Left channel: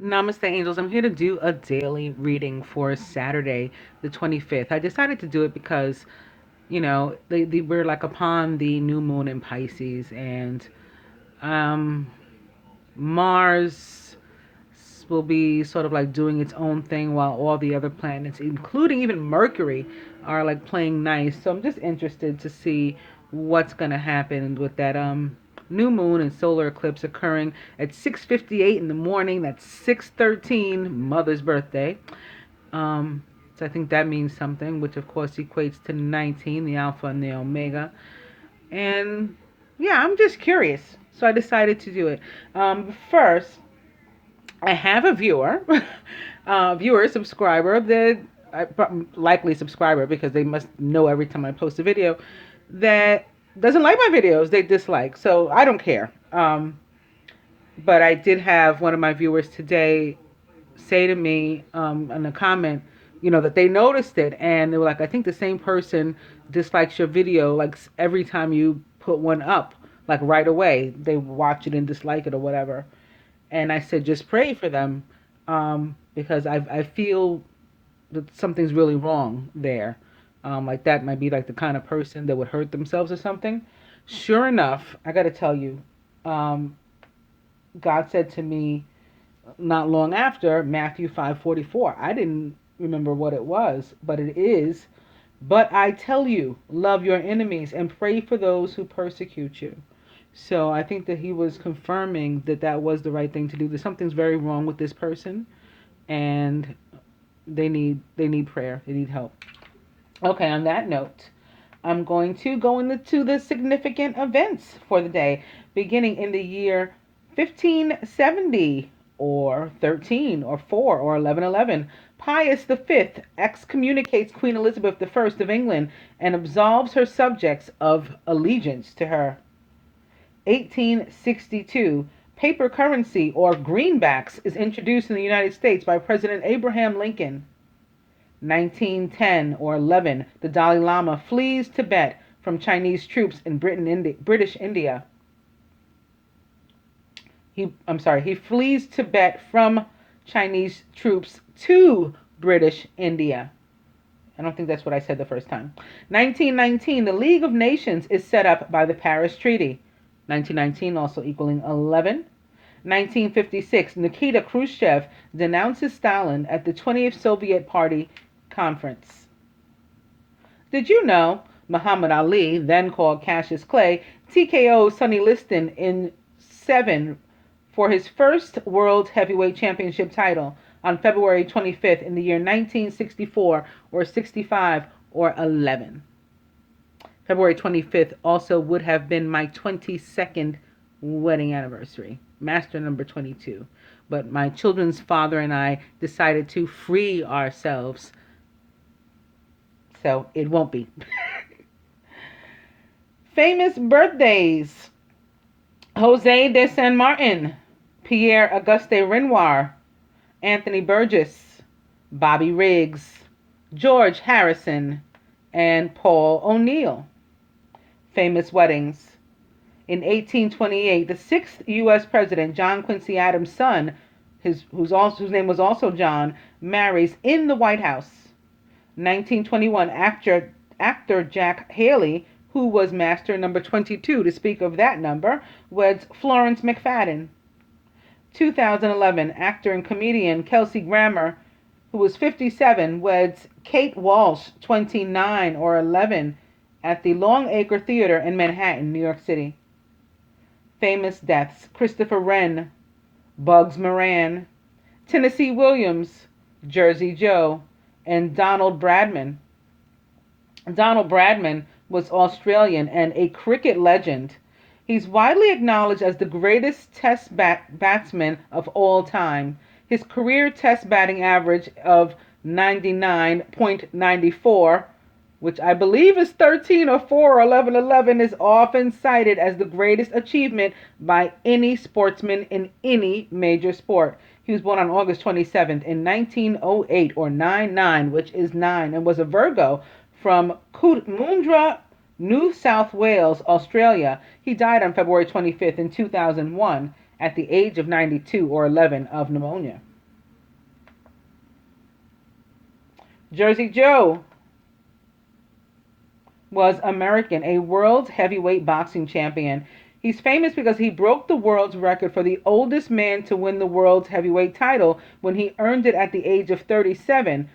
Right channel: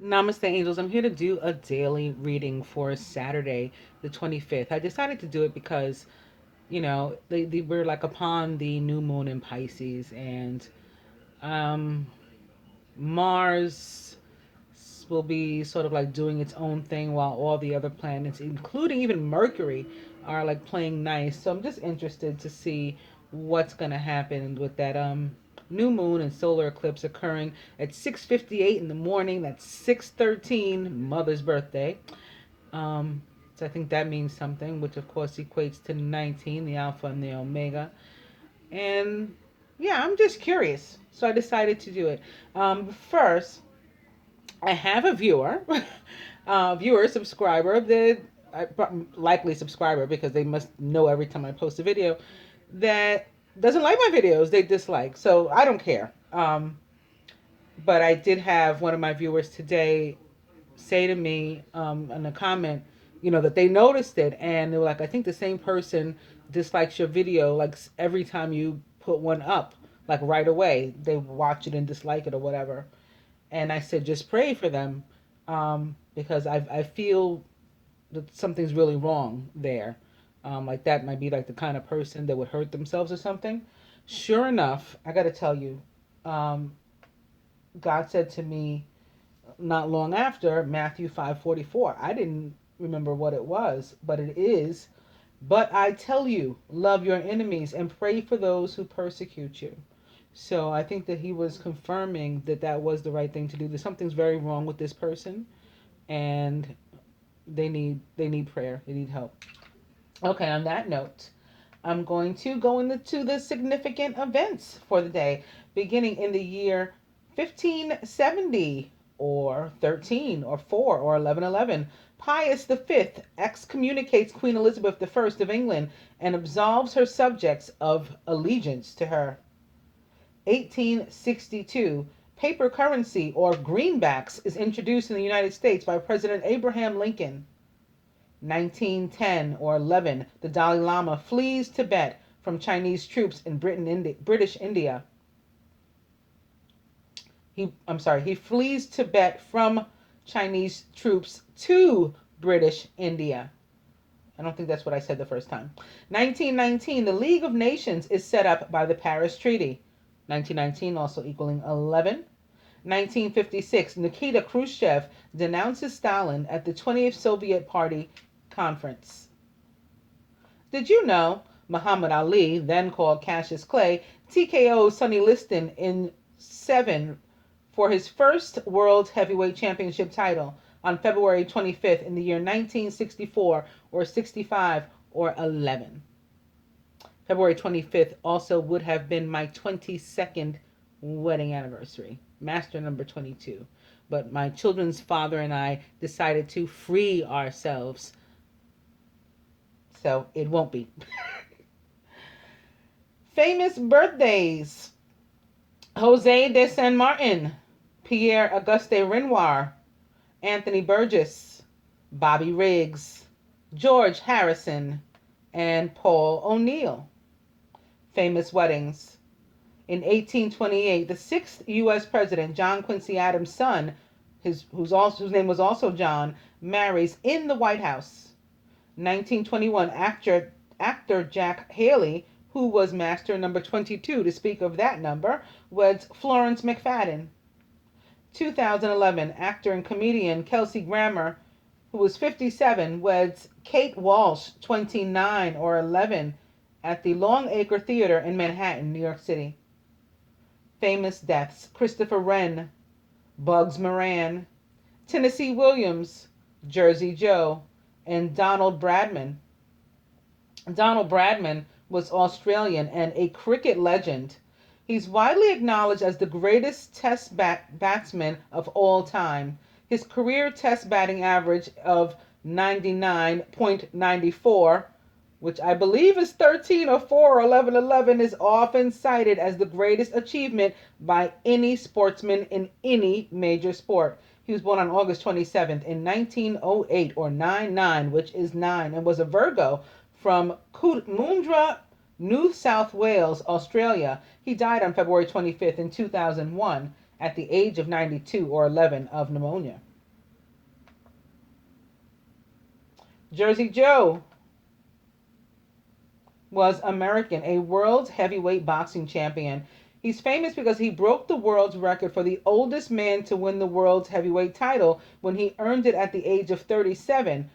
Namaste, angels. I'm here to do a daily reading for Saturday, the 25th. I decided to do it because, we're like upon the new moon in Pisces, and um, Mars will be sort of like doing its own thing while all the other planets, including even Mercury, are like playing nice. So I'm just interested to see what's going to happen with that new moon and solar eclipse occurring at 6:58 in the morning. That's 6:13 Mother's birthday. Um, so I think that means something, which of course equates to 19, the Alpha and the Omega. And yeah, I'm just curious. So I decided to do it. First, I have a subscriber that likely subscriber because they must know every time I post a video that doesn't like my videos. They dislike, so I don't care. But I did have one of my viewers today say to me in a comment, that they noticed it and they were like, I think the same person dislikes your video like every time you put one up, like right away. They watch it and dislike it or whatever. And I said, just pray for them because I feel that something's really wrong there. Like that might be like the kind of person that would hurt themselves or something. Sure enough, I got to tell you, um, God said to me not long after Matthew 5:44. I didn't remember what it was, but it is. But I tell you, love your enemies and pray for those who persecute you. So I think that he was confirming that that was the right thing to do. That something's very wrong with this person, and they need prayer. They need help. Okay. On that note, I'm going to go into the significant events for the day, beginning in the year 1570 or 13 or 4 or 1111. Pius V excommunicates Queen Elizabeth I of England and absolves her subjects of allegiance to her. 1862, paper currency or greenbacks is introduced in the United States by President Abraham Lincoln. 1910 or 11, the Dalai Lama flees Tibet from Chinese troops in British India. He flees Tibet from Chinese troops to British India. I don't think that's what I said the first time. 1919, the League of Nations is set up by the Paris Treaty. 1919 also equaling 11. 1956, Nikita Khrushchev denounces Stalin at the 20th Soviet Party Conference. Did you know Muhammad Ali, then called Cassius Clay, TKO Sonny Liston in 7 for his first World Heavyweight Championship title on February 25th in the year 1964 or 65 or 11. February 25th also would have been my 22nd wedding anniversary, master number 22. But my children's father and I decided to free ourselves, so it won't be. Famous birthdays: Jose de San Martin, Pierre Auguste Renoir, Anthony Burgess, Bobby Riggs, George Harrison, and Paul O'Neill. Famous weddings: in 1828, the sixth U.S. President, John Quincy Adams' son, whose name was also John, marries in the White House. 1921, actor Jack Haley, who was master number 22, to speak of that number, weds Florence McFadden. 2011, actor and comedian Kelsey Grammer, who was 57, weds Kate Walsh, 29 or 11, at the Longacre Theater in Manhattan, New York City. Famous deaths: Christopher Wren, Bugs Moran, Tennessee Williams, Jersey Joe, and Donald Bradman. Donald Bradman was Australian and a cricket legend. He's widely acknowledged as the greatest test batsman of all time. His career test batting average of 99.94, which I believe is 13 or 4 or 11 is often cited as the greatest achievement by any sportsman in any major sport. He was born on August 27th in 1908 or 99, which is 9, and was a Virgo from Coomera, New South Wales, Australia. He died on February 25th in 2001 at the age of 92 or 11 of pneumonia. Jersey Joe was American, a world heavyweight boxing champion. He's famous because he broke the world's record for the oldest man to win the world's heavyweight title when he earned it at the age of 37,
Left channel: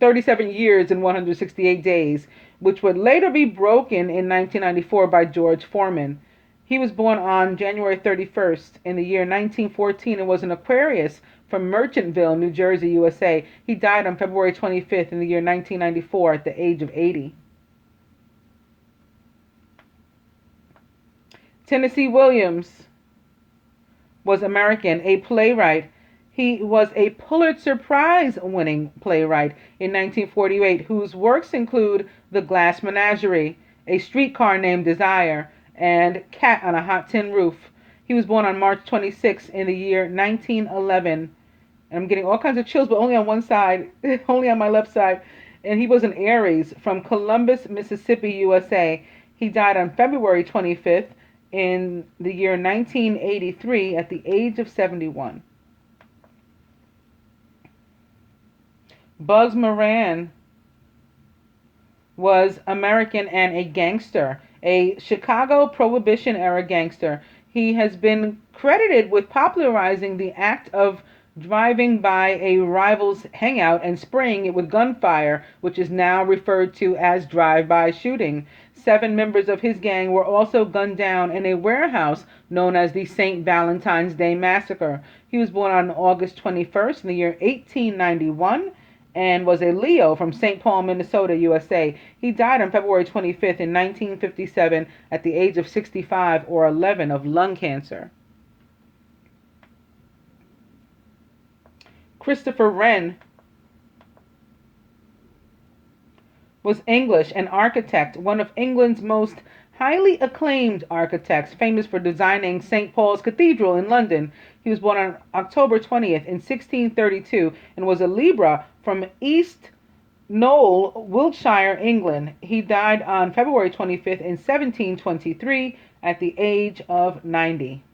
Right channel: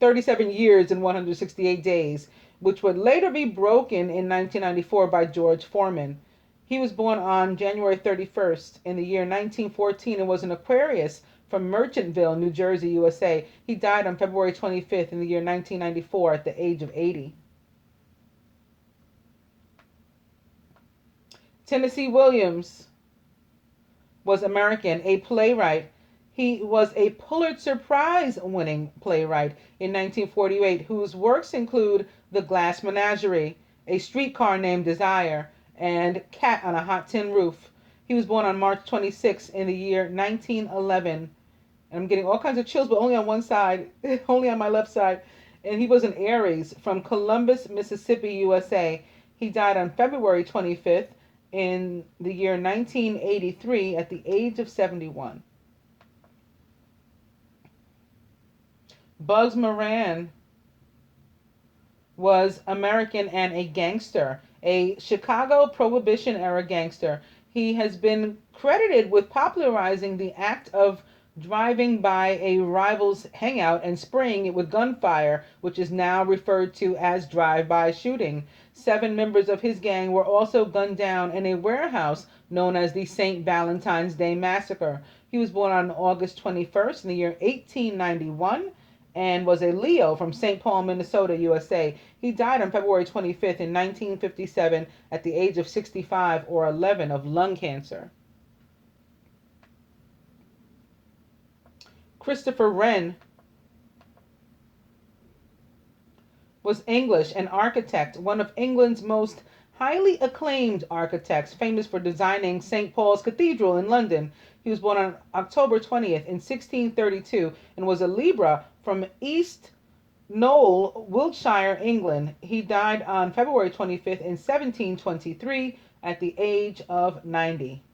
37 years and 168 days, which would later be broken in 1994 by George Foreman. He was born on January 31st in the year 1914 and was an Aquarius from Merchantville, New Jersey, USA. He died on February 25th in the year 1994 at the age of 80. Tennessee Williams was American, a playwright. He was a Pulitzer Prize winning playwright in 1948 whose works include The Glass Menagerie, A Streetcar Named Desire, and Cat on a Hot Tin Roof. He was born on March 26 in the year 1911. And I'm getting all kinds of chills, but only on one side, only on my left side. And he was an Aries from Columbus, Mississippi, USA. He died on February 25th in the year 1983 at the age of 71. Bugs Moran was American and a gangster, a Chicago Prohibition era gangster. He has been credited with popularizing the act of driving by a rival's hangout and spraying it with gunfire, which is now referred to as drive-by shooting. 7 members of his gang were also gunned down in a warehouse known as the St. Valentine's Day Massacre. He was born on August 21st in the year 1891 and was a Leo from St. Paul, Minnesota, USA. He died on February 25th in 1957 at the age of 65 or 11 of lung cancer. Christopher Wren was English, an architect, one of England's most highly acclaimed architects, famous for designing St. Paul's Cathedral in London. He was born on October 20th in 1632 and was a Libra from East Knoll, Wiltshire, England. He died on February 25th in 1723 at the age of 90.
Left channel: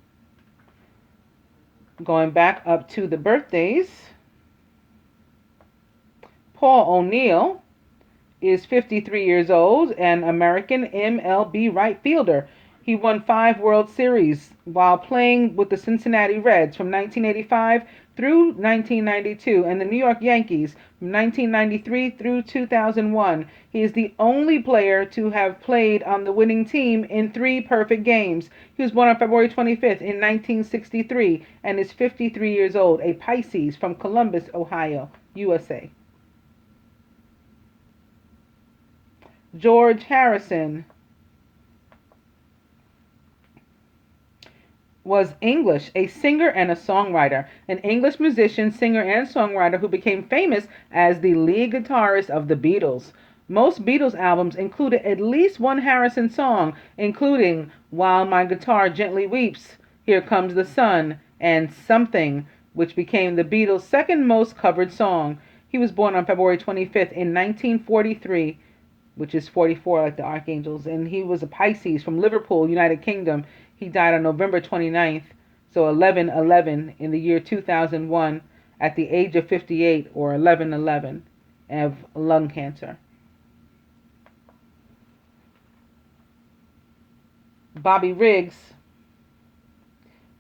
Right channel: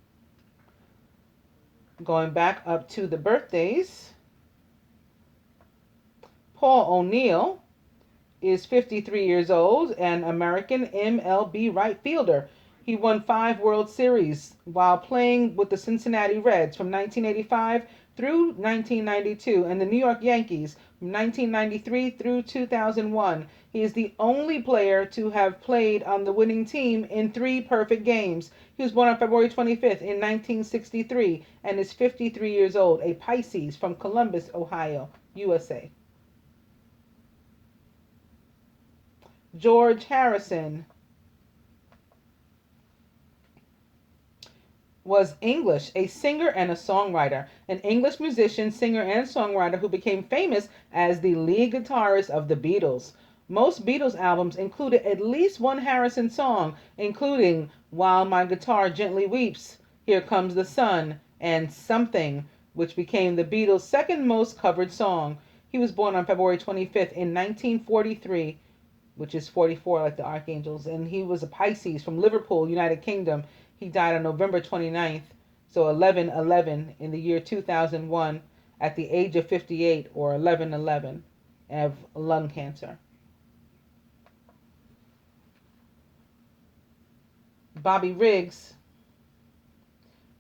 Going back up to the birthdays, Paul O'Neill is 53 years old, an American MLB right fielder. He won 5 World Series while playing with the Cincinnati Reds from 1985 through 1992 and the New York Yankees from 1993 through 2001. He is the only player to have played on the winning team in 3 perfect games. He was born on February 25th in 1963 and is 53 years old, a Pisces from Columbus, Ohio, USA. George Harrison was English, a singer and a songwriter, an English musician, singer, and songwriter who became famous as the lead guitarist of the Beatles. Most Beatles albums included at least one Harrison song, including While My Guitar Gently Weeps, Here Comes the Sun, and Something, which became the Beatles' second most covered song. He was born on February 25th in 1943, which is 44 like the Archangels, and he was a Pisces from Liverpool, United Kingdom. He died on November 29th, so 11/11 in the year 2001 at the age of 58 or 11/11 of lung cancer. Bobby Riggs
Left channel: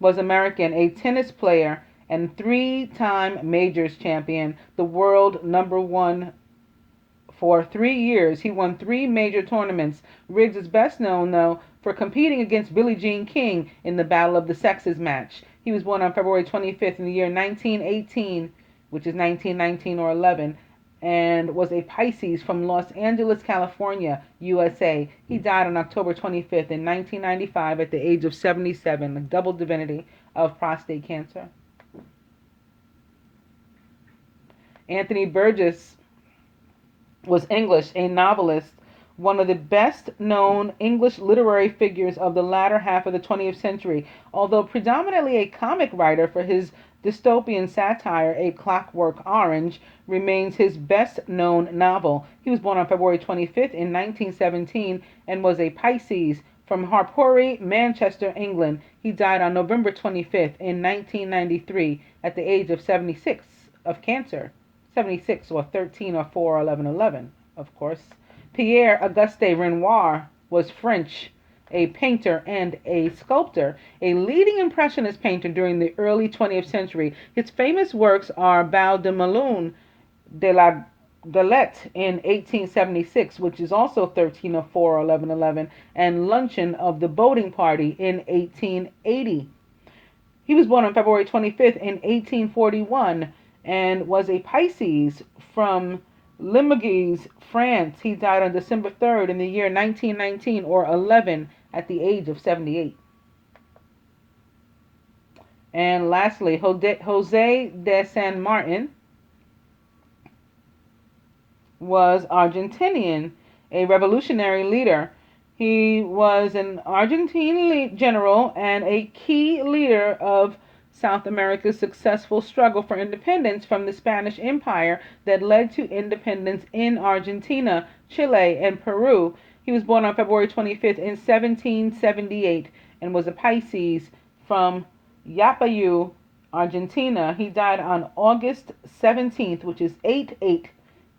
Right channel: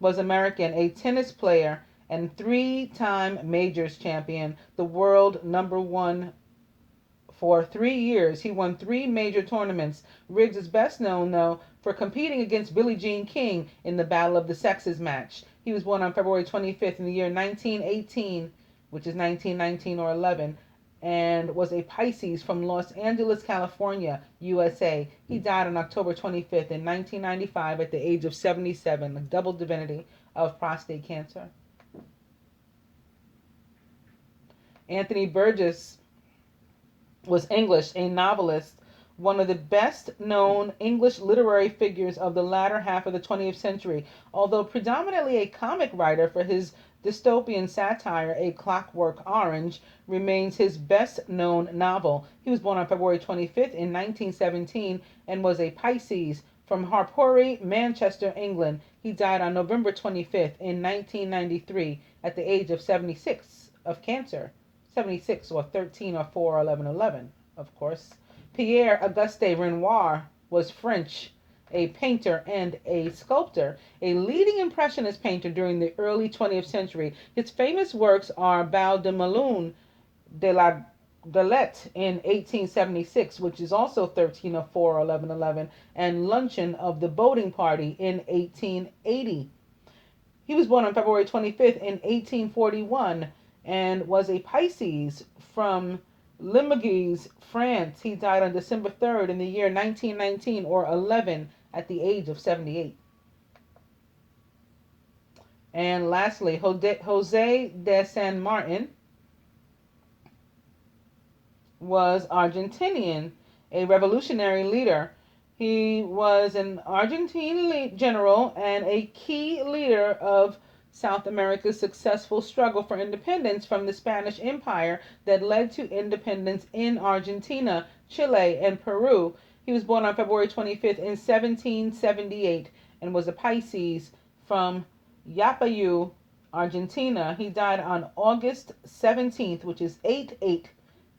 was American, a tennis player and 3-time majors champion, the world number 1 for 3 years. He won 3 major tournaments. Riggs is best known, though, for competing against Billie Jean King in the Battle of the Sexes match. He was born on February 25th in the year 1918, which is 1919 or 11, and was a Pisces from Los Angeles, California, USA. He died on October 25th in 1995 at the age of 77, a double divinity of prostate cancer. Anthony Burgess was English, a novelist, one of the best-known English literary figures of the latter half of the 20th century. Although predominantly a comic writer for his dystopian satire, A Clockwork Orange remains his best-known novel. He was born on February 25th in 1917 and was a Pisces from Harpurhey, Manchester, England. He died on November 25th in 1993 at the age of 76 of cancer. 76, or 13 or 4 or 11, 11, of course. Pierre Auguste Renoir was French, a painter and a sculptor, a leading impressionist painter during the early 20th century. His famous works are Bal de Melun de la Galette in 1876, which is also 13 or 4 or 11, 11, and Luncheon of the Boating Party in 1880. He was born on February 25th in 1841 and was a Pisces from Limoges, France. He died on December 3rd in the year 1919, or 11, at the age of 78. And lastly, Jose de San Martin was Argentinian, a revolutionary leader. He was an Argentine general and a key leader of South America's successful struggle for independence from the Spanish Empire that led to independence in Argentina, Chile, and Peru. He was born on February 25th in 1778 and was a Pisces from Yapayú, Argentina. He died on August 17th, which is 8/8,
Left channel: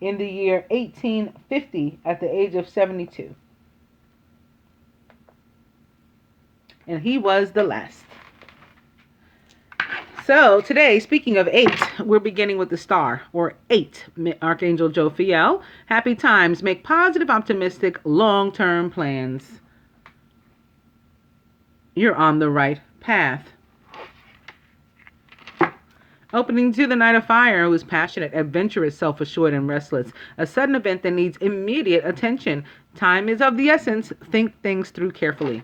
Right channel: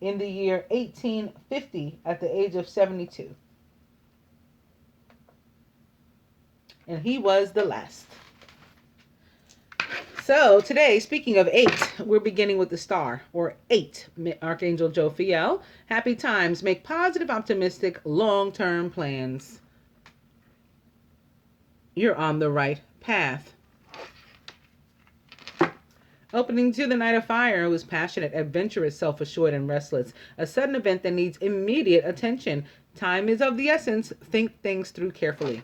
in the year 1850 at the age of 72. And he was the last. So today, speaking of 8, we're beginning with the star, or 8, Archangel Jophiel. Happy times. Make positive, optimistic, long-term plans. You're on the right path. Opening to the Knight of Fire, who is passionate, adventurous, self-assured, and restless. A sudden event that needs immediate attention. Time is of the essence. Think things through carefully.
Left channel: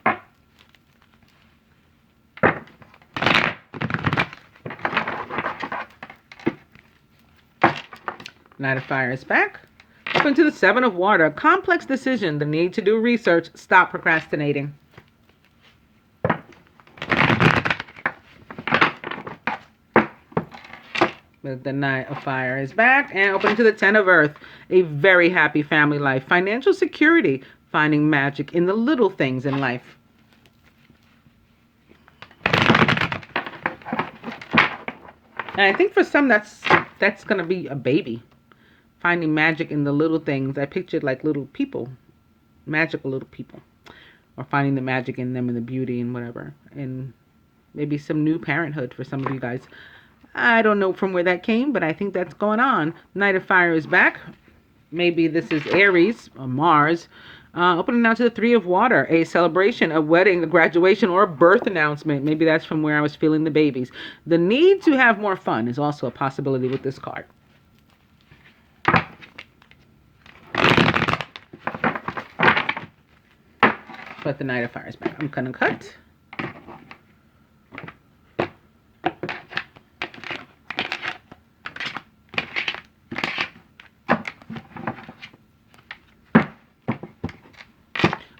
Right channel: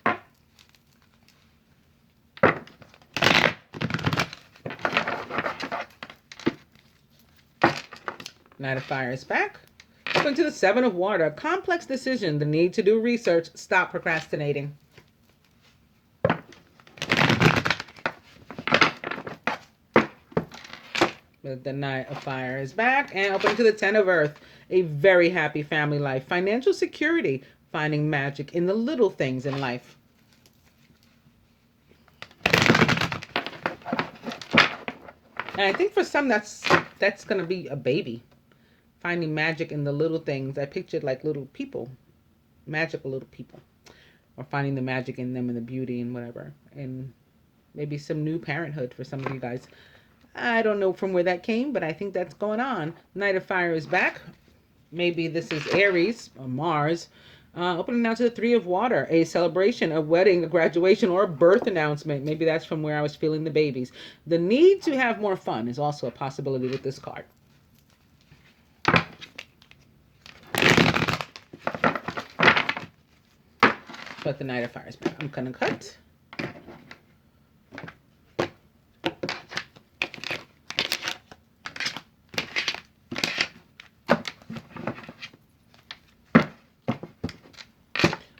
Knight of Fire is back. Open to the Seven of Water. Complex decision. The need to do research. Stop procrastinating. The Knight of Fire is back. And open to the Ten of Earth. A very happy family life. Financial security. Finding magic in the little things in life. And I think for some that's going to be a baby. Finding magic in the little things. I pictured like little people. Magical little people. Or finding the magic in them and the beauty and whatever. And maybe some new parenthood for some of you guys. I don't know from where that came, but I think that's going on. Knight of Fire is back. Maybe this is Aries or Mars. Opening now to the Three of Water. A celebration, a wedding, a graduation, or a birth announcement. Maybe that's from where I was feeling the babies. The need to have more fun is also a possibility with this card. But the Knight of Fire is back. I'm going to cut.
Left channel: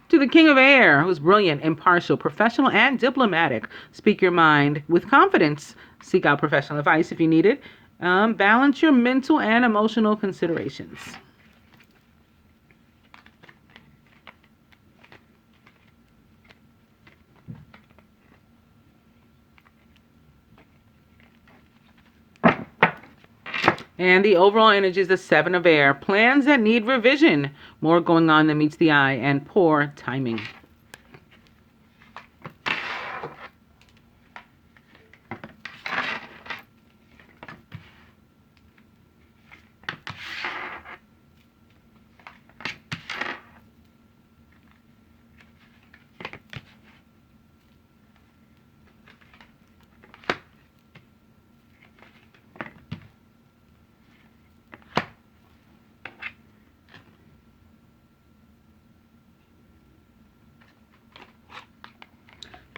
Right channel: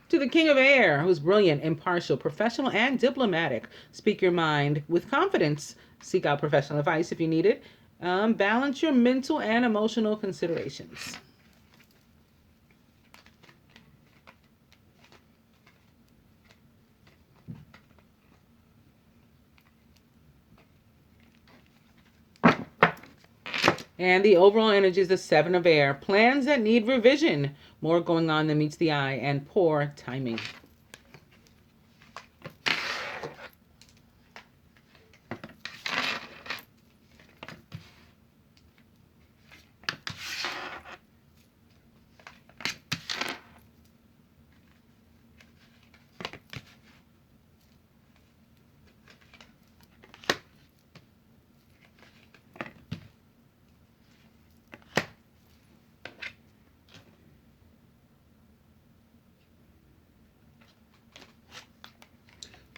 To the King of Air, who's brilliant, impartial, professional, and diplomatic. Speak your mind with confidence. Seek out professional advice if you need it. Balance your mental and emotional considerations. And the overall energy is the Seven of Air. Plans that need revision. More going on than meets the eye, and poor timing.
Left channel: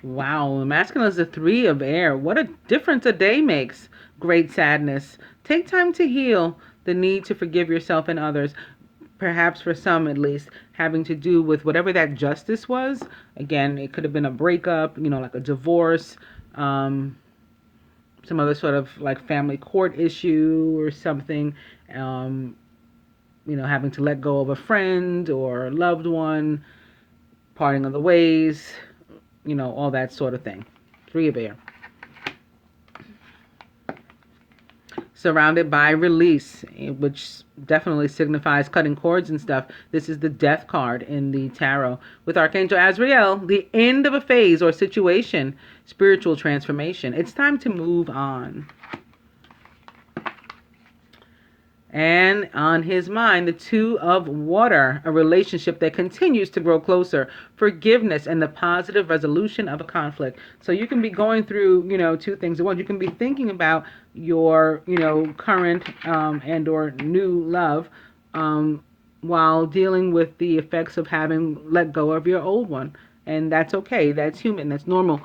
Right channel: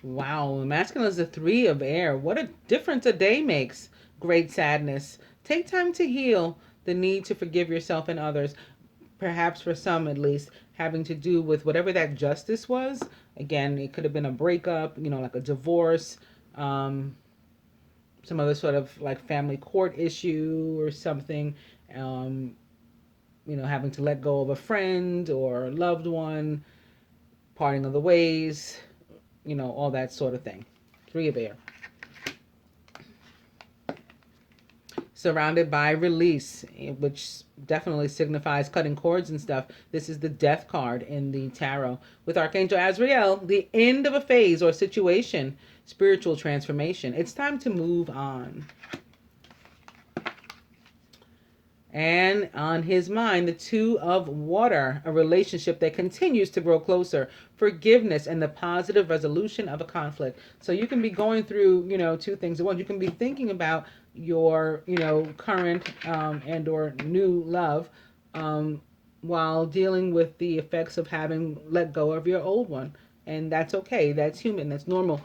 Wow, the masculine is the Three of Air. What a difference a day makes. Great sadness. Take time to heal. The need to forgive yourself and others. Perhaps for some at least, having to do with whatever that justice was. Again, it could have been a breakup, like a divorce, some other sort of like family court issue or something. Having to let go of a friend or a loved one, parting of the ways. All that sort of thing. Three of Air. surrounded by release, which definitely signifies cutting cords and stuff. This is the death card in the tarot. With Archangel Azrael, the end of a phase or situation, spiritual transformation. It's time to move on. And on his mind, the Two of Water, a relationship that continues to grow closer, forgiveness, and the positive resolution of a conflict. So you can be going through, two things at once. You can be thinking about your, current and or new love while dealing with the effects of having let go of your old one. And that's okay. That's human. That's normal.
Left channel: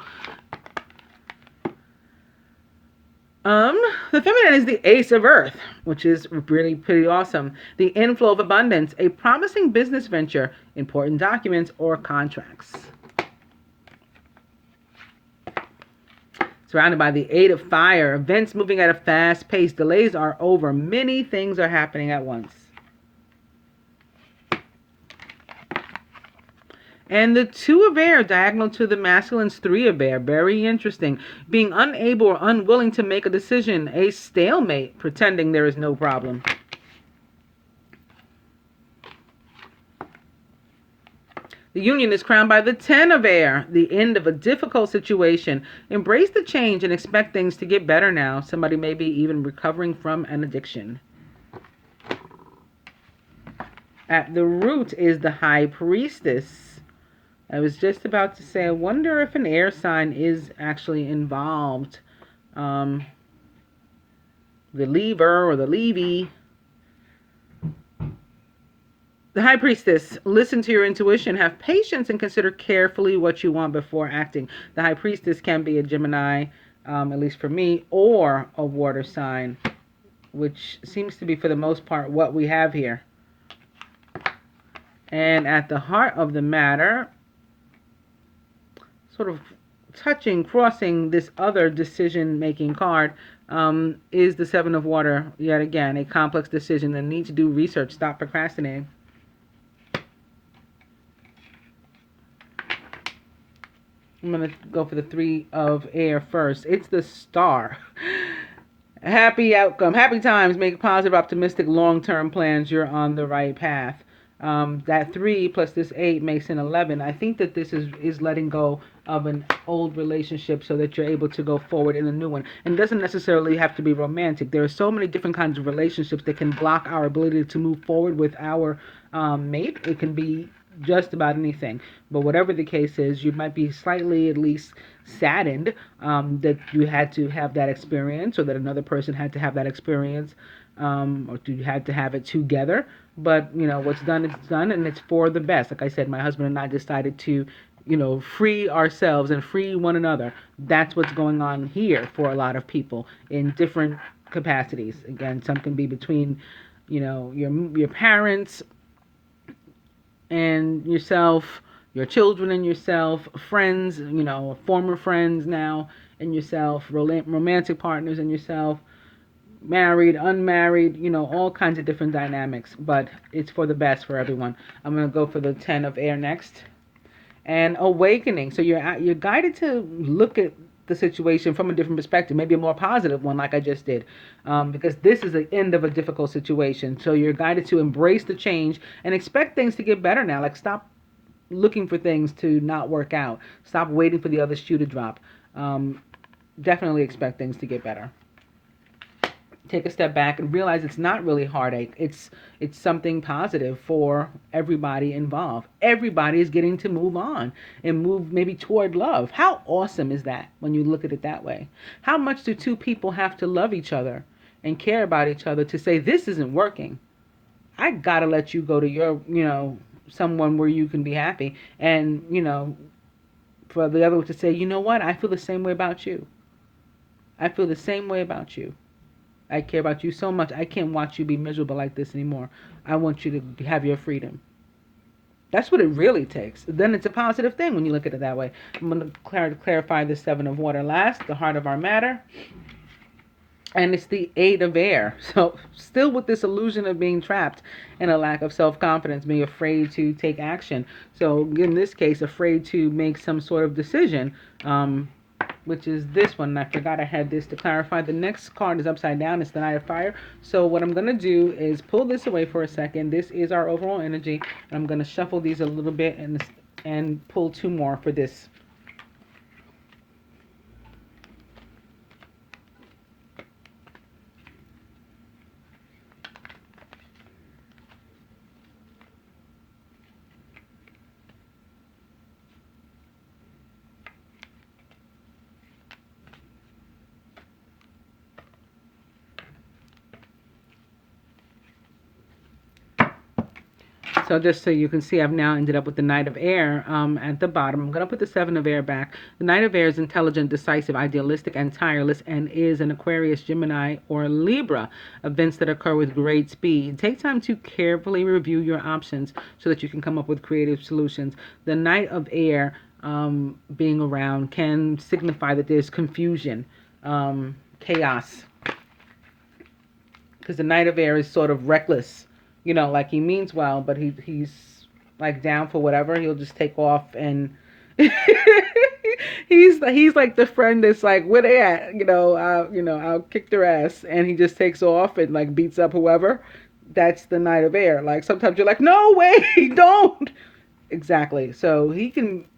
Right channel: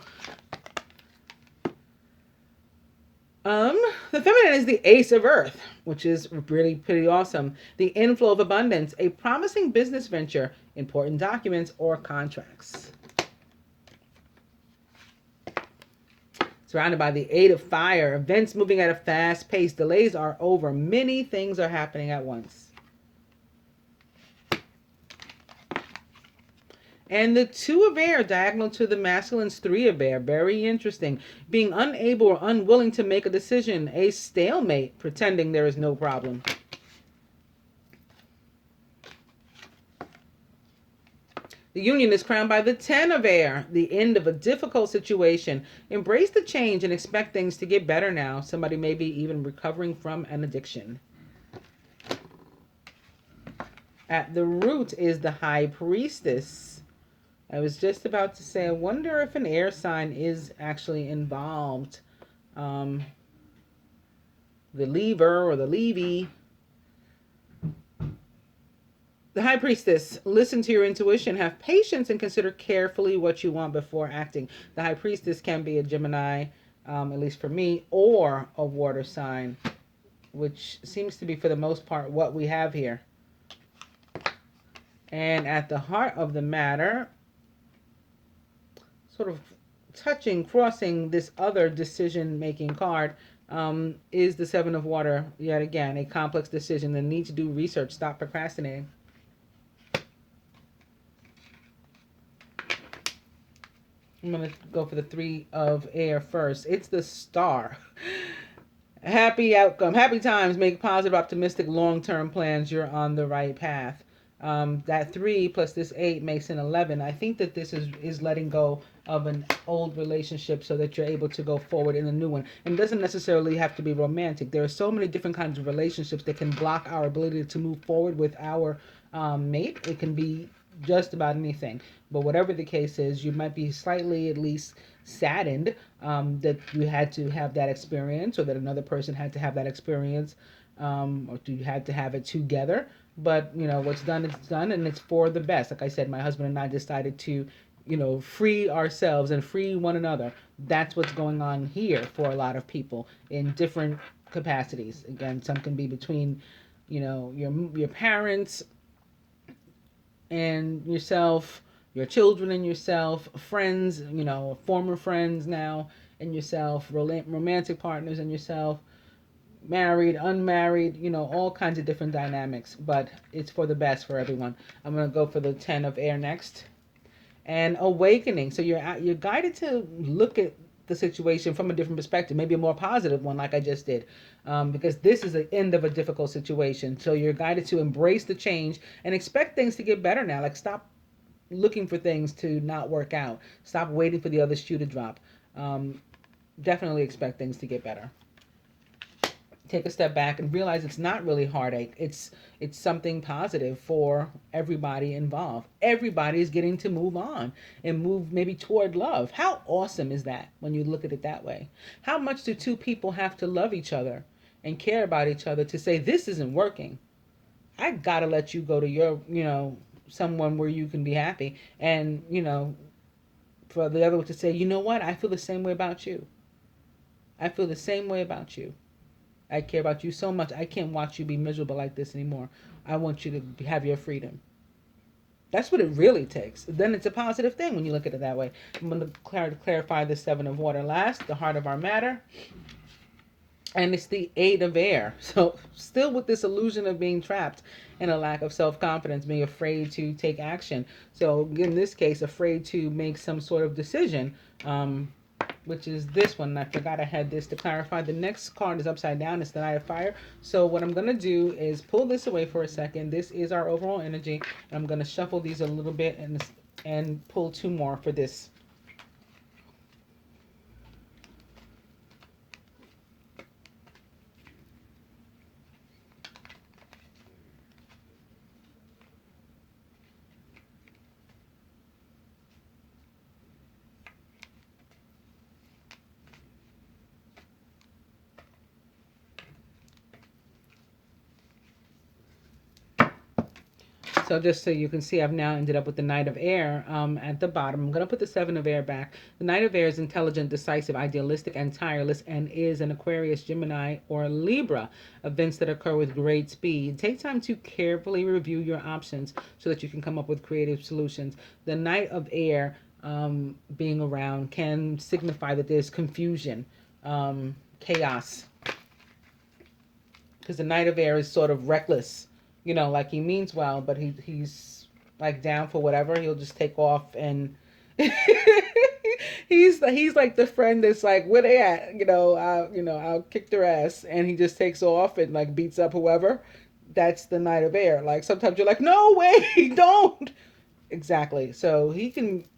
The feminine is the Ace of Earth, which is really pretty awesome. The inflow of abundance, a promising business venture, important documents, or contracts. Surrounded by the Eight of Fire, events moving at a fast pace. Delays are over. Many things are happening at once. And the Two of Air, diagonal to the masculine's Three of Air. Very interesting. Being unable or unwilling to make a decision. A stalemate, pretending there is no problem. The Union is crowned by the Ten of Air, the end of a difficult situation. Embrace the change and expect things to get better now. Somebody may be even recovering from an addiction. At the root is the High Priestess. I was just about to say, I wonder if an air sign is actually involved. The lever or the levy. The High Priestess, listen to your intuition, have patience, and consider carefully what you want before acting. The High Priestess can be a Gemini, at least for me, or a water sign, which seems to be, for the most part, what we have here. And at the heart of the matter, sort of crossing this other decision-making card, is the Seven of Water, yet again, a complex decision, the need to do research, stop procrastinating. I'm going to go for the Three of Air first. It's the Star. Happy outcome, happy times, make positive, optimistic, long-term plans. You're on the right path. That 3 plus this 8 makes an 11. I think that this is letting go of an old relationship so that you're able to go forward in a new one. And it doesn't necessarily have to be romantic. There are so many different kinds of relationships that can block our ability to move forward with our mate. It can be just about anything. But whatever the case is, you might be slightly at least saddened that you had to have that experience, or that another person had to have that experience, or you had to have it together. But, what's done is done, and it's for the best. Like I said, my husband and I decided to, free ourselves and free one another. That's what's going on here for a lot of people in different capacities. Again, some can be between, your parents and yourself, your children and yourself, friends, former friends now and yourself, romantic partners and yourself, married, unmarried, all kinds of different dynamics, but it's for the best for everyone. I'm going to go for the 10 of Air next. And awakening. So you're guided to look at the situation from a different perspective, maybe a more positive one, like I just did, because this is the end of a difficult situation. So you're guided to embrace the change and expect things to get better now. Like, stop looking for things to not work out. Stop waiting for the other shoe to drop. Definitely expect things to get better. Take a step back and realize it's not really heartache. It's something positive for everybody involved. Everybody is getting to move on and move maybe toward love. How awesome is that when you look at it that way? How much do two people have to love each other and care about each other to say, this isn't working? I gotta let you go to your, someone where you can be happy. And, for the other to say, you know what? I feel the same way about you. I feel the same way about you. I care about you so much. I can't watch you be miserable like this anymore. I want you to have your freedom. That's what it really takes. Then it's a positive thing when you look at it that way. I'm going to clarify the 7 of Water last, the heart of our matter. And it's the 8 of Air. So still with this illusion of being trapped in a lack of self-confidence, being afraid to take action. So in this case, afraid to make some sort of decision. which is this one. And I forgot I had this to clarify. The next card is upside down. It's the Knight of Fire. So what I'm going to do is pull this away for a second. This is our overall energy. I'm going to shuffle these a little bit and pull two more for this. So just so you can see, I've now ended up with the Knight of Air at the bottom. I'm going to put the Seven of Air back. The Knight of Air is intelligent, decisive, idealistic, and tireless, and is an Aquarius, Gemini, or Libra, events that occur with great speed. Take time to carefully review your options so that you can come up with creative solutions. The Knight of Air being around can signify that there's confusion, chaos, because the Knight of Air is sort of reckless. You know, like he means well, but he's like down for whatever. He'll just take off and he's like the friend that's like, where they at? I'll kick their ass, and he just takes off and like beats up whoever. That's the Knight of Air. Like sometimes you're like, no way, don't. Exactly. So he can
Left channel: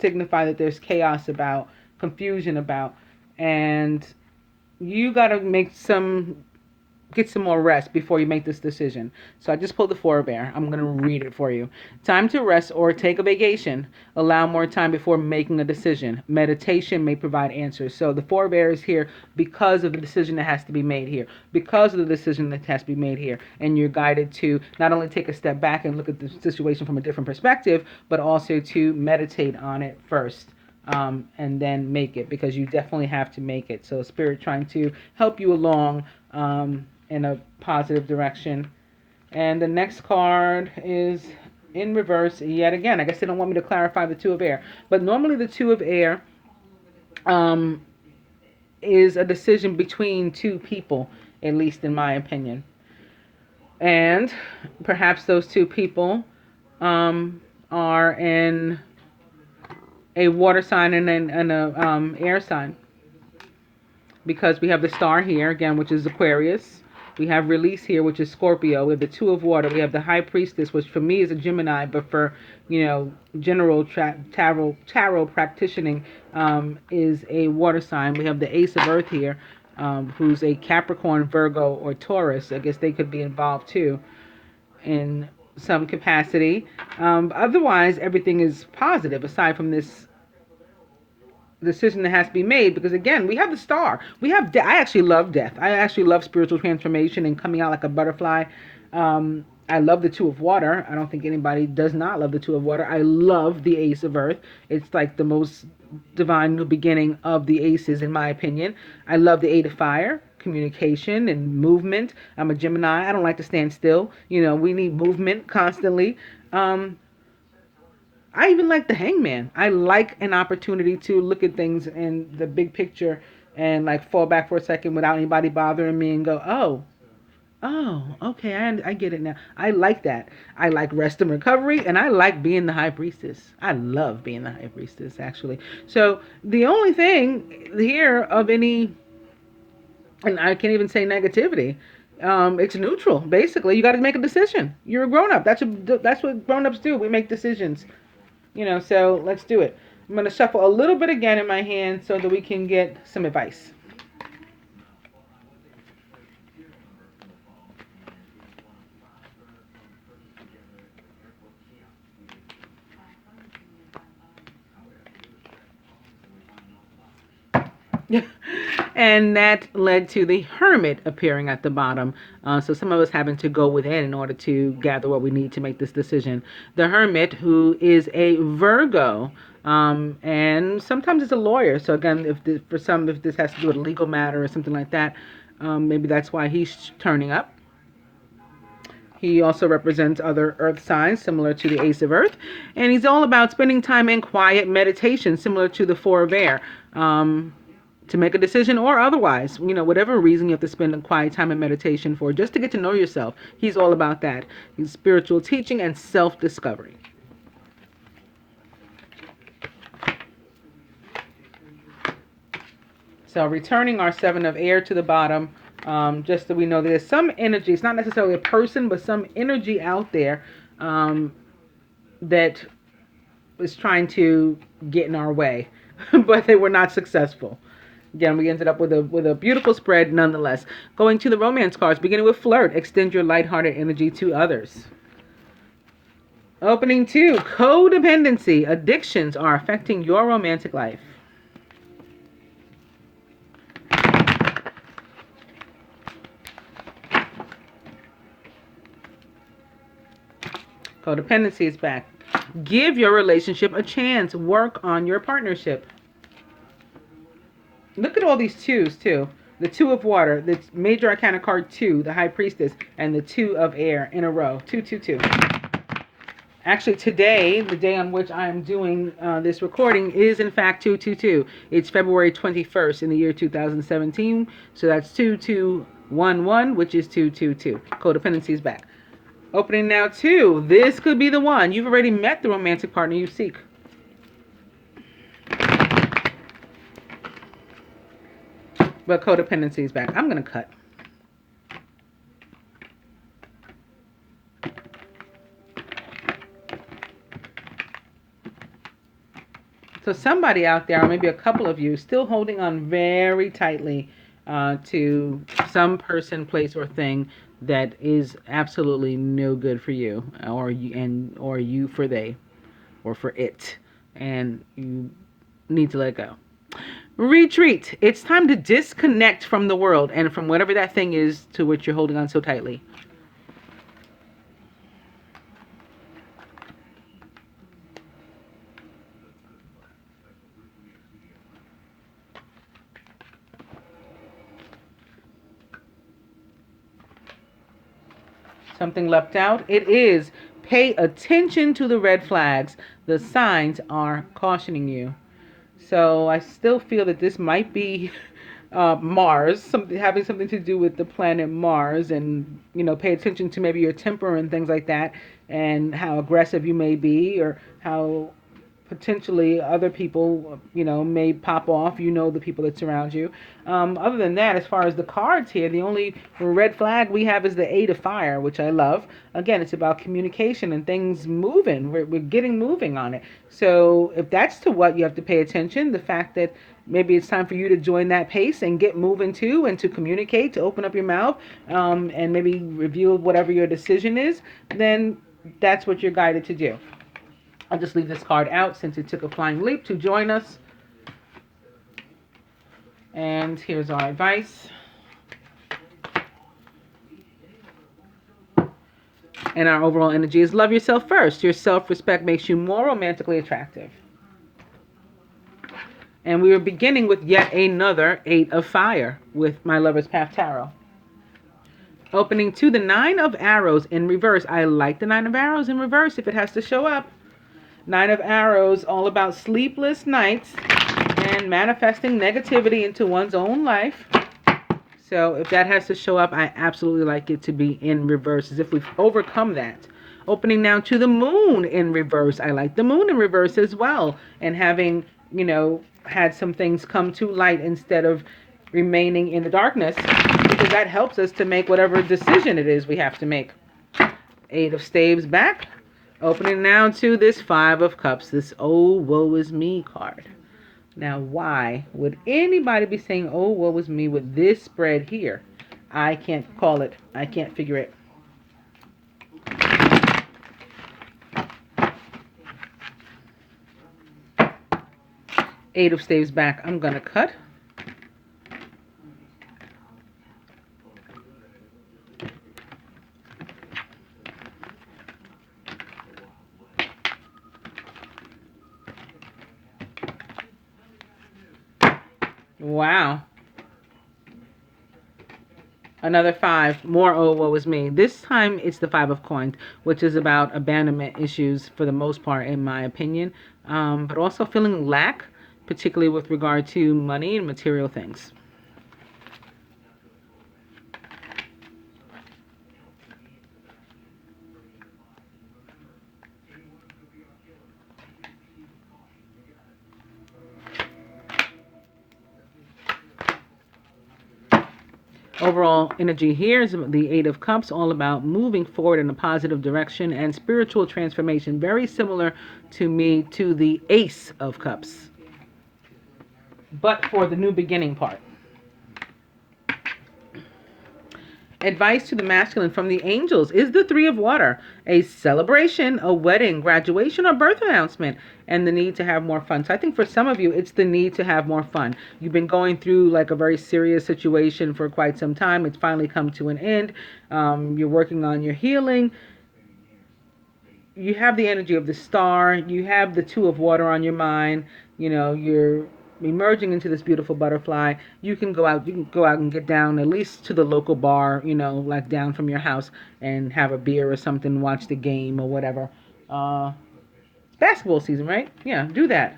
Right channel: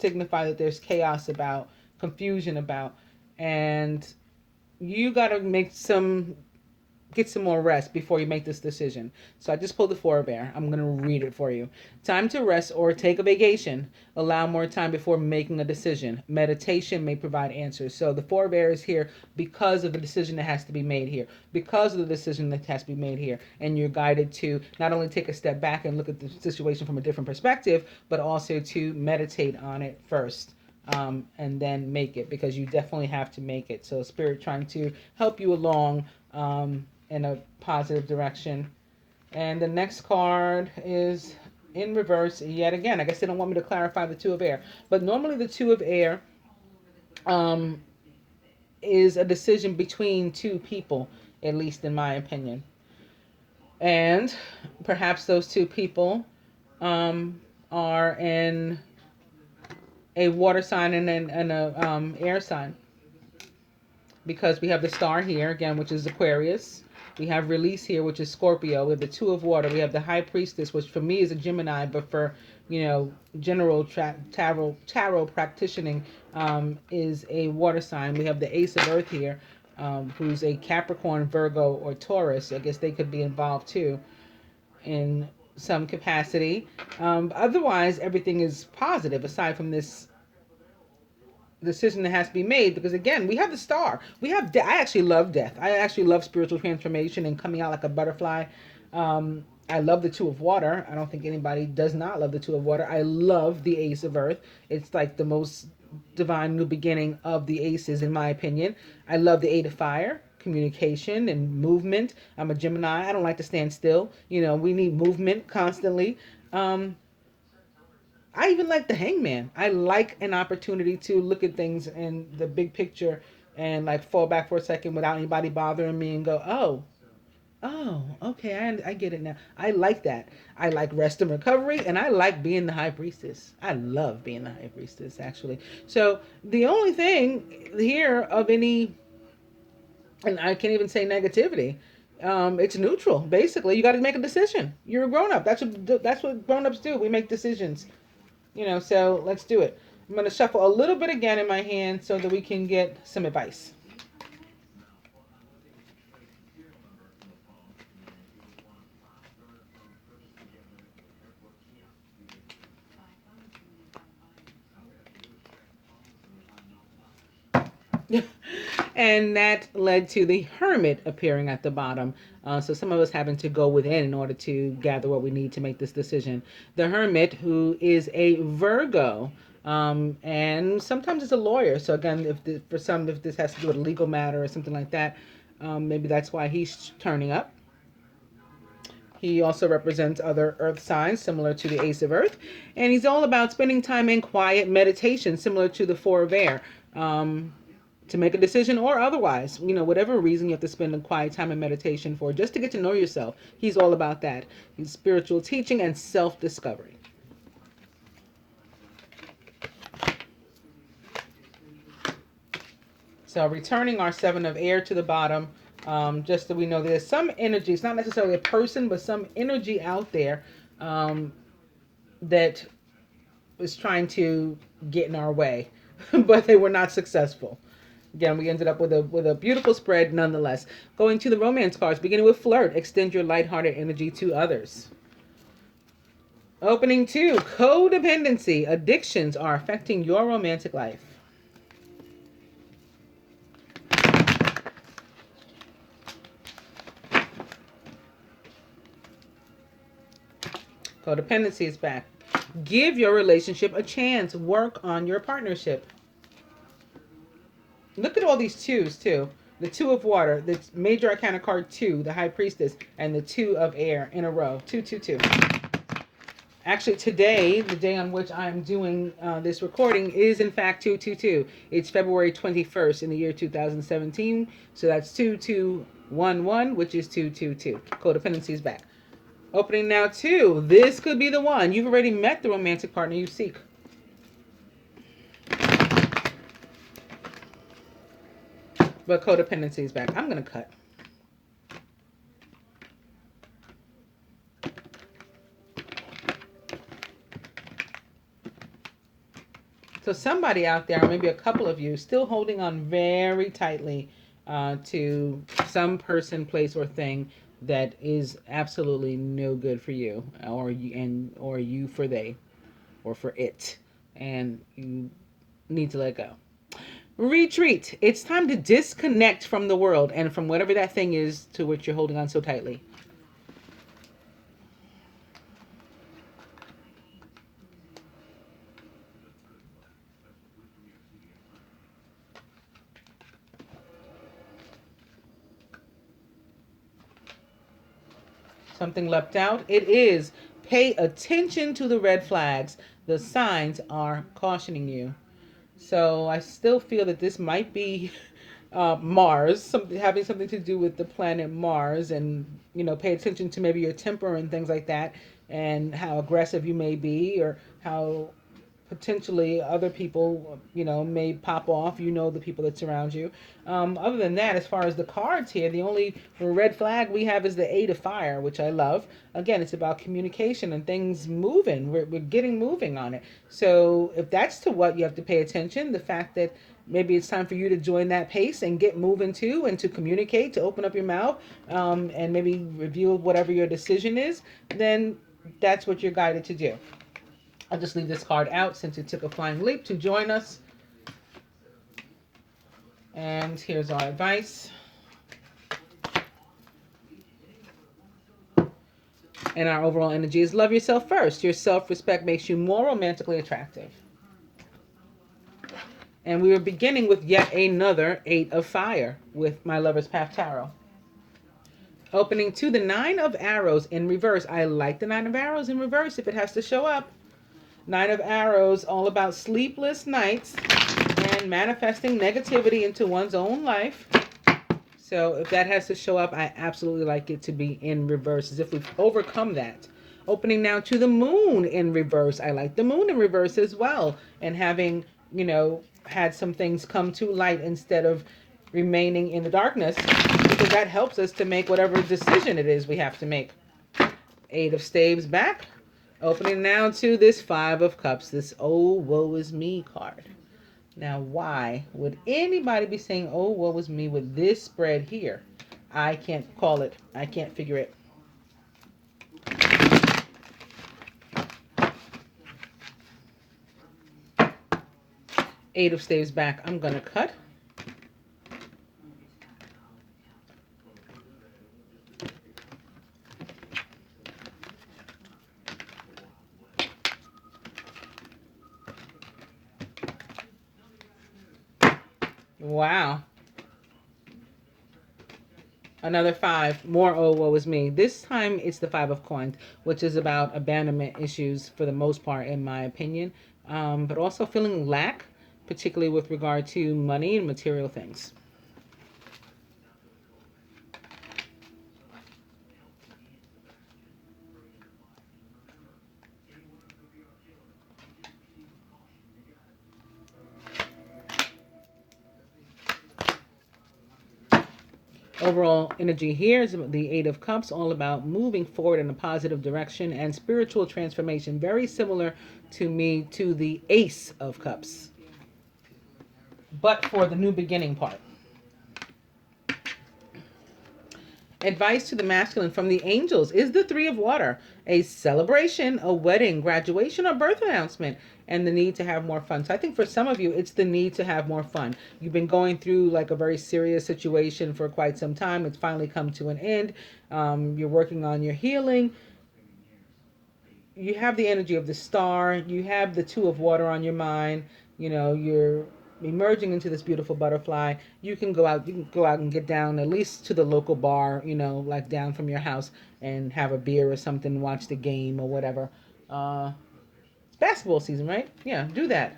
signify that there's chaos about, confusion about, and you got to get some more rest before you make this decision. So I just pulled the Four of Air. I'm going to read it for you. Time to rest or take a vacation. Allow more time before making a decision. Meditation may provide answers. So the Four of Air is here because of the decision that has to be made here. Because of the decision that has to be made here. And you're guided to not only take a step back and look at the situation from a different perspective, but also to meditate on it first. And then make it, because you definitely have to make it. So Spirit trying to help you along in a positive direction. And the next card is in reverse yet again. I guess they don't want me to clarify the Two of Air, but normally the Two of Air is a decision between two people, at least in my opinion. And perhaps those two people are in a water sign and a air sign, because we have the Star here again, which is Aquarius. We have Release here, which is Scorpio. We have the Two of Water. We have the High Priestess, which for me is a Gemini, but for general tarot practicing is a water sign. We have the Ace of Earth here, who's a Capricorn, Virgo, or Taurus. I guess they could be involved too in some capacity. Otherwise, everything is positive aside from this decision that has to be made, because again, we have the Star. We have I actually love death. I actually love spiritual transformation and coming out like a butterfly. I love the Two of Water. I don't think anybody does not love the Two of Water. I love the Ace of Earth. It's like the most divine new beginning of the aces, in my opinion. I love the Eight of Fire, communication and movement. I'm a Gemini. I don't like to stand still. We need movement constantly. I even like the Hangman. I like an opportunity to look at things in the big picture and like fall back for a second without anybody bothering me and go, oh, okay, I get it now. I like that. I like rest and recovery, and I like being the High Priestess. I love being the High Priestess, actually. So the only thing here of any, and I can't even say negativity, it's neutral. Basically, you got to make a decision. You're a grown-up. That's what grown-ups do. We make decisions. So let's do it. I'm going to shuffle a little bit again in my hand so that we can get some advice. And that led to the Hermit appearing at the bottom. So some of us having to go within in order to gather what we need to make this decision. The Hermit, who is a Virgo, and sometimes it's a lawyer. So again, if this has to do with a legal matter or something like that, maybe that's why he's turning up. He also represents other earth signs, similar to the Ace of Earth. And he's all about spending time in quiet meditation, similar to the Four of Air. To make a decision or otherwise, whatever reason you have to spend a quiet time in meditation for, just to get to know yourself. He's all about that. He's spiritual teaching and self-discovery. So returning our 7 of air to the bottom, just so we know there's some energy. It's not necessarily a person, but some energy out there that is trying to get in our way, but they were not successful. Again, we ended up with a beautiful spread nonetheless. Going to the romance cards, beginning with flirt, extend your lighthearted energy to others. Opening 2, codependency, addictions are affecting your romantic life. Codependency is back. Give your relationship a chance. Work on your partnership. Look at all these 2s too. The 2 of water, the major arcana card 2, the high priestess, and the 2 of air in a row. 2, 2, 2. Actually, today, the day on which I'm doing this recording, is in fact 222. It's February 21st in the year 2017. So that's 2211, which is 222. Codependency is back. Opening now 2. This could be the one. You've already met the romantic partner you seek. But codependency is back. I'm going to cut. So somebody out there, or maybe a couple of you, still holding on very tightly to some person, place, or thing that is absolutely no good for you, or you for they, or for it, and you need to let go. Retreat. It's time to disconnect from the world and from whatever that thing is to which you're holding on so tightly. Something leapt out. It is pay attention to the red flags. The signs are cautioning you. So I still feel that this might be Mars, having something to do with the planet Mars, and pay attention to maybe your temper and things like that, and how aggressive you may be, or how potentially other people, may pop off, the people that surround you. Other than that, as far as the cards here, the only red flag we have is the 8 of fire, which I love. Again, it's about communication and things moving. We're getting moving on it. So if that's to what you have to pay attention, the fact that maybe it's time for you to join that pace and get moving too, and to communicate, to open up your mouth, and maybe reveal whatever your decision is, then that's what you're guided to do. I'll just leave this card out since it took a flying leap to join us. And here's our advice. And our overall energy is love yourself first. Your self-respect makes you more romantically attractive. And we are beginning with yet another 8 of fire with my Lover's Path Tarot. Opening to the 9 of arrows in reverse. I like the 9 of arrows in reverse if it has to show up. 9 of arrows, all about sleepless nights and manifesting negativity into one's own life. So if that has to show up, I absolutely like it to be in reverse, as if we've overcome that. Opening now to the moon in reverse. I like the moon in reverse as well. And having, had some things come to light instead of remaining in the darkness, because that helps us to make whatever decision it is we have to make. 8 of staves back. Opening now to this 5 of cups, this oh, woe is me card. Now, why would anybody be saying, oh, woe is me with this spread here? I can't call it. I can't figure it. Eight of staves back. I'm going to cut. Wow. Another 5. More oh, woe is me. This time it's the 5 of coins, which is about abandonment issues for the most part, in my opinion. But also feeling lack, particularly with regard to money and material things. Overall energy here is the Eight of Cups, all about moving forward in a positive direction and spiritual transformation. Very similar to me to the Ace of Cups, but for the new beginning part. Advice to the masculine from the angels is the Three of Water. A celebration, a wedding, graduation, or birth announcement, and the need to have more fun. So I think for some of you, it's the need to have more fun. You've been going through like a very serious situation for quite some time. It's finally come to an end. You're working on your healing. You have the energy of the Star. You have the Two of Water on your mind. You know, you're emerging into this beautiful butterfly. You can go out and get down at least to the local bar, you know, like down from your house, and have a beer or something, watch the game or whatever. It's basketball season, right? Yeah, do that.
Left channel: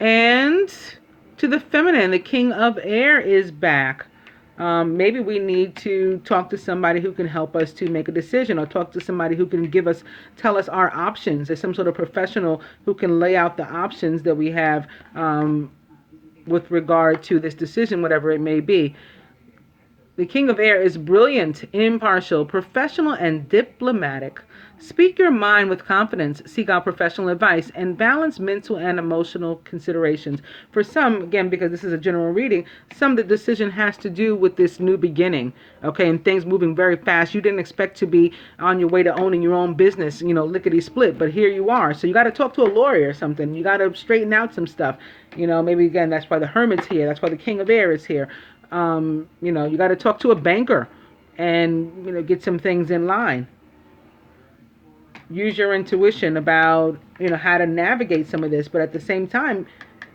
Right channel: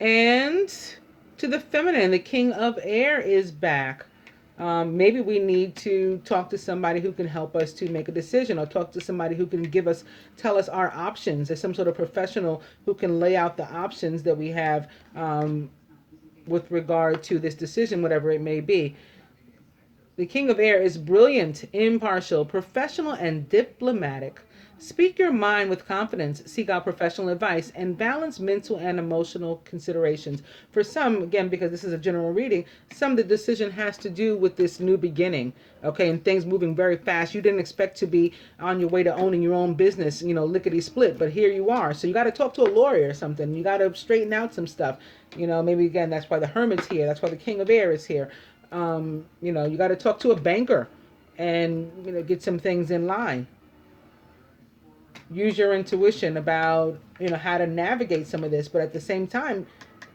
And to the feminine, the King of Air is back. Maybe we need to talk to somebody who can help us to make a decision, or talk to somebody who can tell us our options. There's some sort of professional who can lay out the options that we have with regard to this decision, whatever it may be. The King of Air is brilliant, impartial, professional, and diplomatic. Speak your mind with confidence, seek out professional advice, and balance mental and emotional considerations. For some, again, because this is a general reading, some of the decision has to do with this new beginning, okay, and things moving very fast. You didn't expect to be on your way to owning your own business, you know, lickety-split, but here you are. So you got to talk to a lawyer or something. You got to straighten out some stuff. You know, maybe, again, that's why the Hermit's here. That's why the King of Air is here. You know, you got to talk to a banker and, you know, get some things in line. Use your intuition about, you know, how to navigate some of this, but at the same time,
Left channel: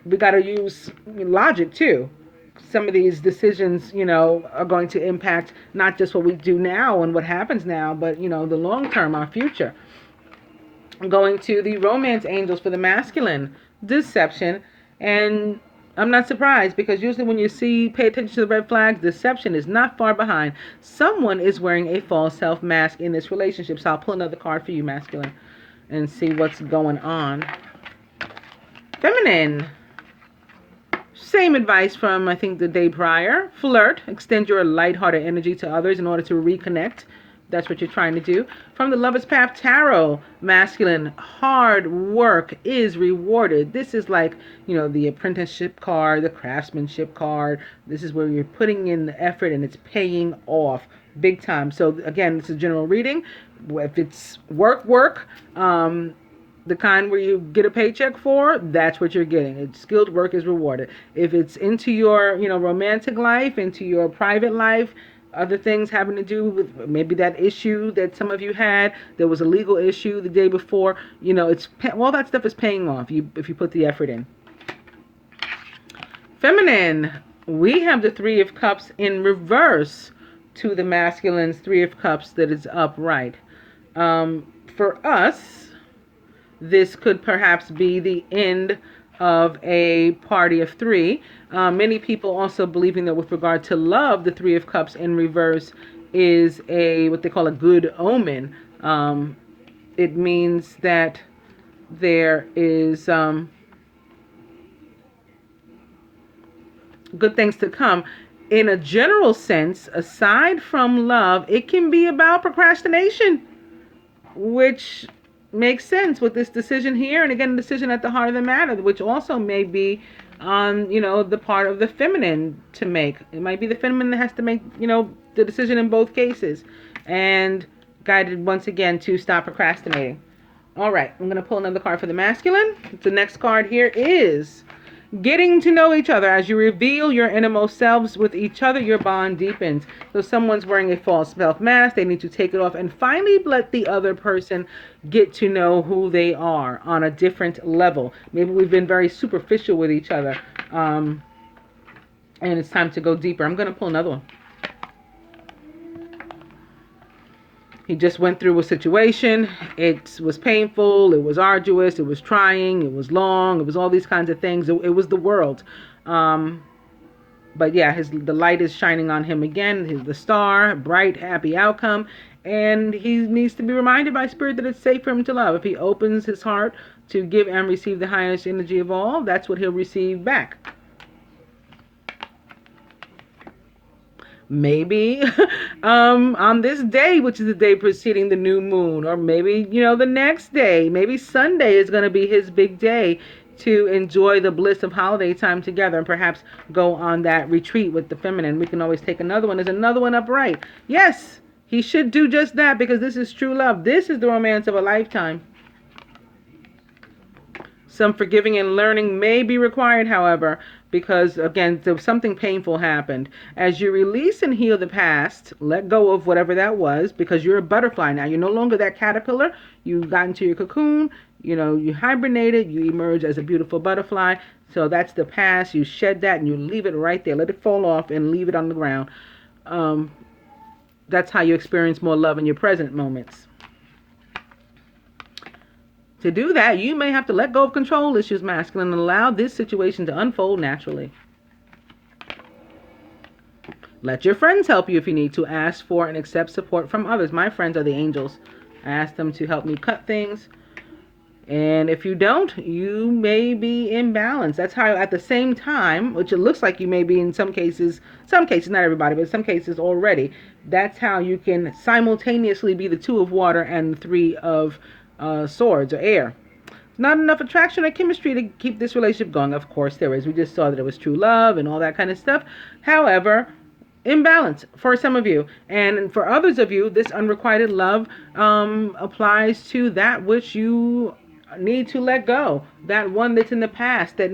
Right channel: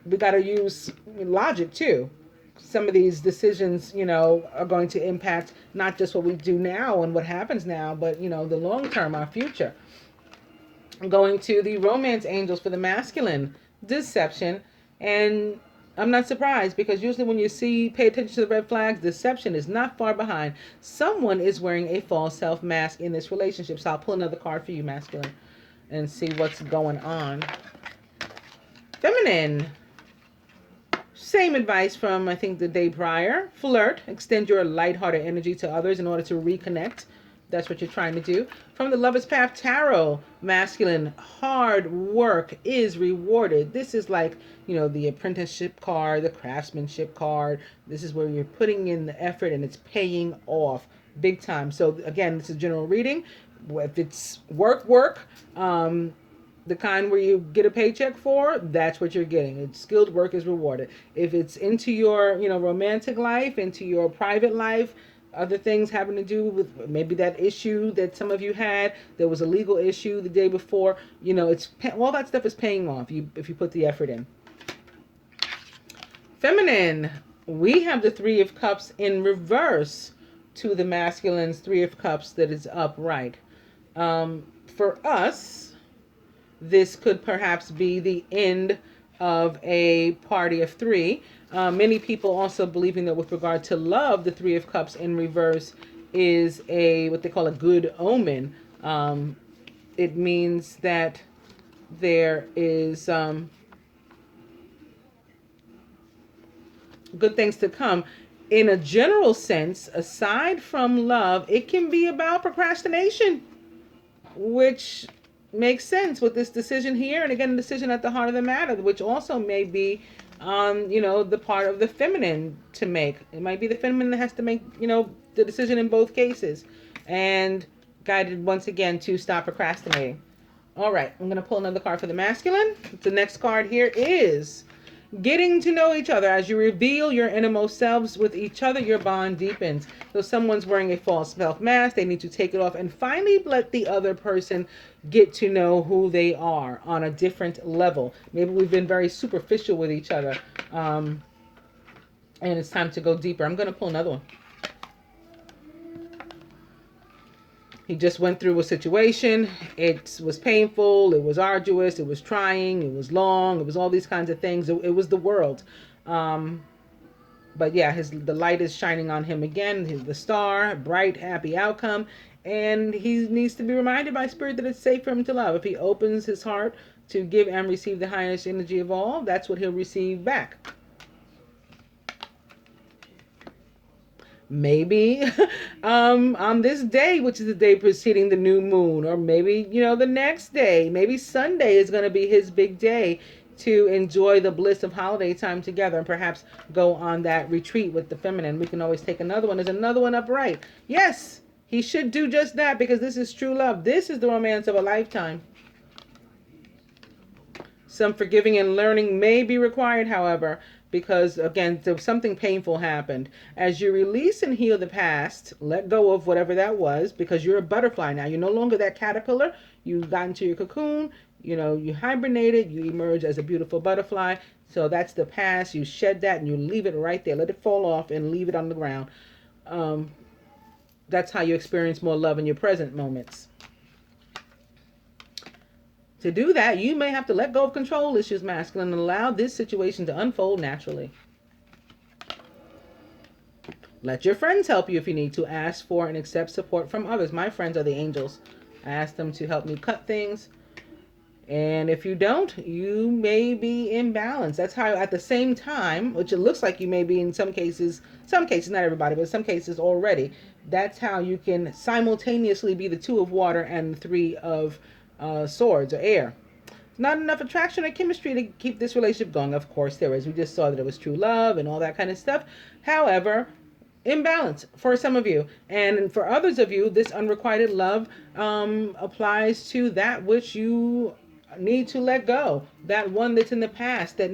we got to use logic too. Some of these decisions, you know, are going to impact not just what we do now and what happens now, but, you know, the long term, our future. Going to the romance angels for the masculine, deception. And I'm not surprised, because usually when you pay attention to the red flags, deception is not far behind. Someone is wearing a false self mask in this relationship. So I'll pull another card for you, masculine, and see what's going on. Feminine. Same advice from, I think, the day prior. Flirt. Extend your lighthearted energy to others in order to reconnect. That's what you're trying to do. From the Lover's Path Tarot, masculine, hard work is rewarded. This is like, you know, the apprenticeship card, the craftsmanship card. This is where you're putting in the effort and it's paying off big time. So again, this is a general reading. If it's work, the kind where you get a paycheck for, that's what you're getting. It's skilled work is rewarded. If it's into your, you know, romantic life, into your private life, other things having to do with maybe that issue that some of you had, there was a legal issue the day before, you know, it's all that stuff is paying off if you put the effort in. Feminine, we have the Three of Cups in reverse to the masculine's Three of Cups that is upright. For us, this could perhaps be the end of a party of three. Many people also believing that with regard to love, the Three of Cups in reverse is what they call a good omen. It means that there is good things to come. In a general sense, aside from love, it can be about procrastination, which makes sense with this decision here. And again, decision at the heart of the matter, which also may be on, you know, the part of the feminine to make. It might be the feminine that has to make, you know, the decision in both cases, and guided once again to stop procrastinating. All right, I'm going to pull another card for the masculine. The next card here is getting to know each other. As you reveal your innermost selves with each other, your bond deepens. So someone's wearing a false self mask. They need to take it off and finally let the other person get to know who they are on a different level. Maybe we've been very superficial with each other, and it's time to go deeper. I'm going to pull another one. He just went through a situation. It was painful. It was arduous. It was trying. It was long. It was all these kinds of things. It was the world. But yeah, the light is shining on him again. The star, bright, happy outcome. And he needs to be reminded by Spirit that it's safe for him to love. If he opens his heart to give and receive the highest energy of all, that's what he'll receive back. maybe on this day, which is the day preceding the new moon, or maybe, the next day, maybe Sunday is going to be his big day to enjoy the bliss of holiday time together and perhaps go on that retreat with the feminine. We can always take another one. There's another one upright. Yes, he should do just that because this is true love. This is the romance of a lifetime. Some forgiving and learning may be required, however, because, again, something painful happened. As you release and heal the past, let go of whatever that was, because you're a butterfly now. You're no longer that caterpillar. You got into your cocoon. You hibernated. You emerge as a beautiful butterfly. So that's the past. You shed that and you leave it right there. Let it fall off and leave it on the ground. That's how you experience more love in your present moments. To do that, you may have to let go of control issues, masculine, and allow this situation to unfold naturally. Let your friends help you if you need to. Ask for and accept support from others. My friends are the angels. I ask them to help me cut things. And if you don't, you may be imbalanced. That's how, at the same time, which it looks like you may be in some cases, not everybody, but some cases already, that's how you can simultaneously be the 2 of water and the 3 of swords or air. Not enough attraction or chemistry to keep this relationship going. Of course there is. We just saw that it was true love and all that kind of stuff. However, imbalance for some of you, and for others of you, this unrequited love applies to that which you need to let go, that one that's in the past that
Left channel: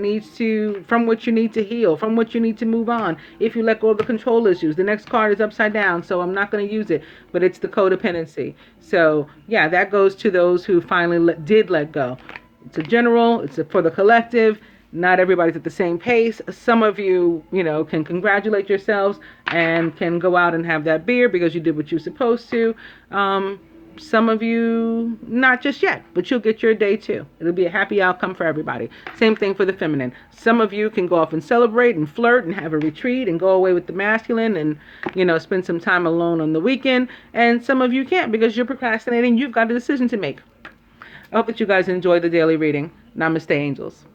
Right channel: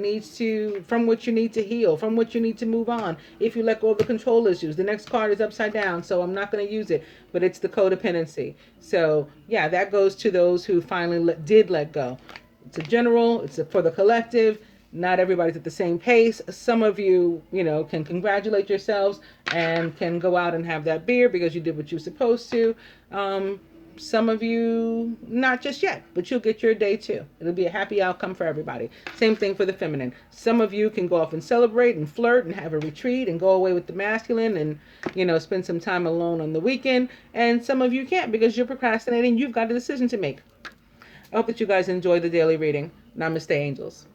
from which you need to heal, from which you need to move on. If you let go of the control issues, the next card is upside down, so I'm not going to use it, but it's the codependency. So yeah, that goes to those who finally did let go. It's a general, it's for the collective. Not everybody's at the same pace. Some of you, can congratulate yourselves and can go out and have that beer because you did what you're supposed to. Some of you, not just yet, but you'll get your day too. It'll be a happy outcome for everybody. Same thing for the feminine. Some of you can go off and celebrate and flirt and have a retreat and go away with the masculine and, spend some time alone on the weekend. And some of you can't because you're procrastinating. You've got a decision to make. I hope that you guys enjoy the daily reading. Namaste, angels.